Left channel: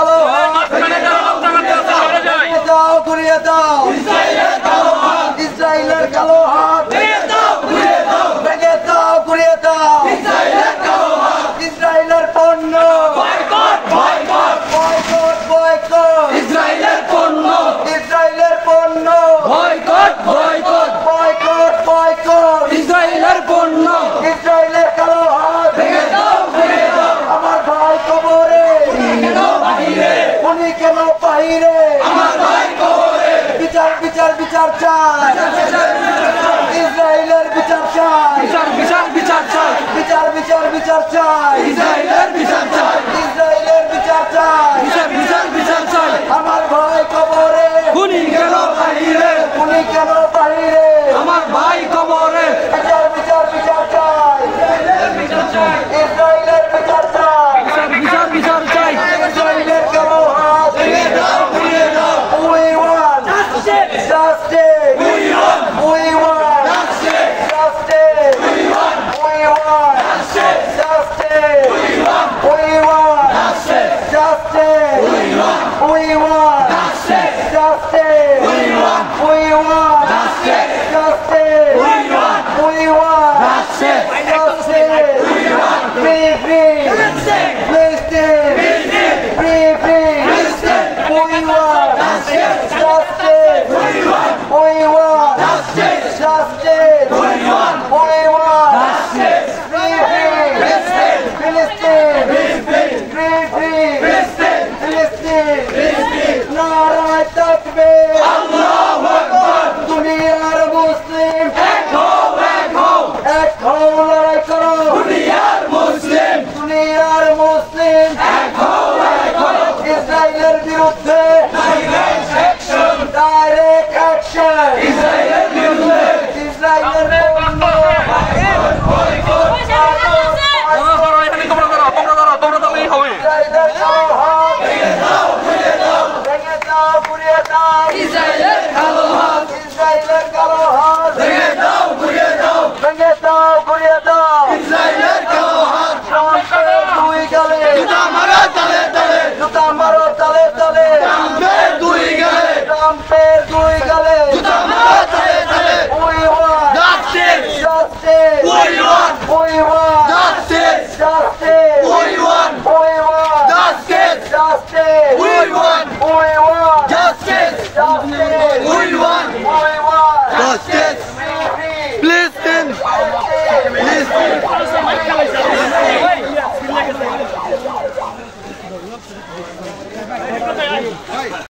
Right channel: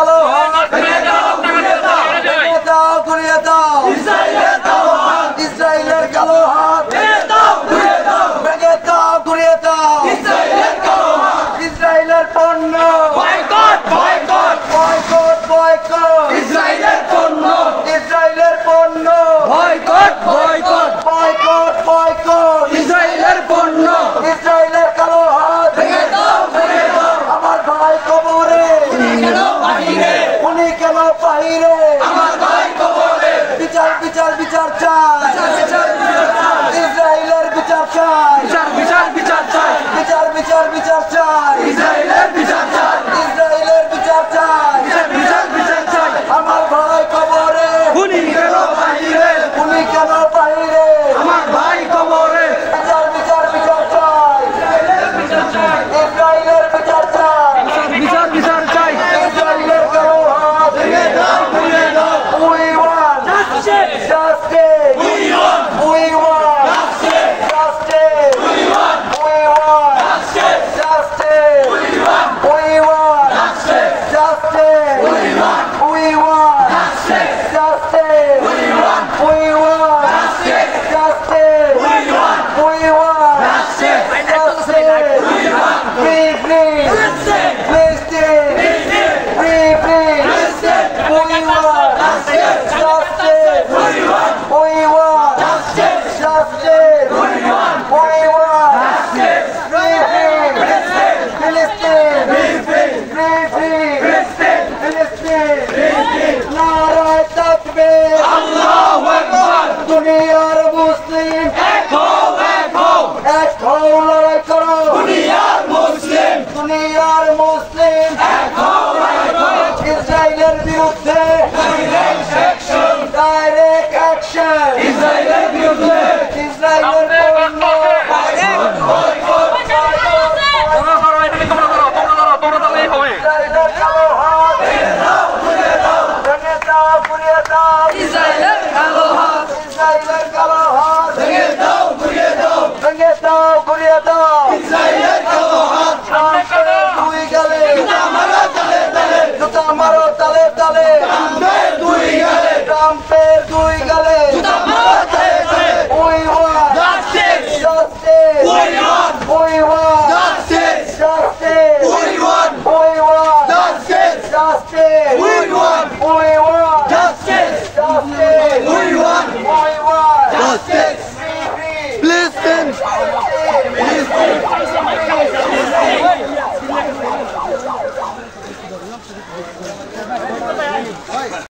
কালো হাত ভেঙে দাও ঘুরিয়ে দাও ইসরায়েলের কালো হাত ভেঙে দাও ঘুরিয়ে দাও ইসরায়েলের পণ্য বয়কট ইসরায়েলের পণ্য বয়কট ইসরায়েলের পণ্য ইসরায়েলের কালো হাত ভেঙে দাও আমার ভাই কবরে উনি কেন বাহিরে বিচার বিচার বিচার চাই ইসরায়েলের বিচার চাই বিচার চাই বিচার বিচার বিচার চাই ইসরায়েলের বিচার চাই ইসরায়েলের বিচার চাই বিচার চাই আমার ভাই কবরে উনি কেন বাহিরে উনি কেন বাহিরে আমার ভাই কবরে বিচার বিচার বিচার চাই ইসরায়েলের বিচার চাই বিচার চাই ইসরায়েলের কালো হাত We want justice. We want justice. We want justice. We want justice. We want justice. We want justice. We want justice. Free, free. Palestine. Free, free. We want justice. We want justice. We want free, free. Palestine. Free, free. Palestine. নারায়ে তাকবীর। আল্লাহু আকবার দুনিয়ার মুসলিম এক হও লড়াই করো দুনিয়ার মুসলিম এক হও ইসরায়েলের বিরুদ্ধে ডাইরেক্ট অ্যাকশন ইসরায়েলের বিরুদ্ধে ইসরায়েলের পণ্য ইসরায়েলের কালো হাত ভেঙে দাও ঘুরিয়ে দাও ইসরায়েলের কালো হাত ইসরায়েলের কালো হাত ভেঙে দাও ঘুরিয়ে দাও ইসরায়েলের কালো হাত ট্রাম্পের দুই গালে জুতা মারো তালে তালে ট্রাম্পের দুই গালে ট্রাম্পের দুই গালে জুতা মারো তালে তালে We want justice. We want Justice. We want Justice. We want Justice. We want Justice. Listen.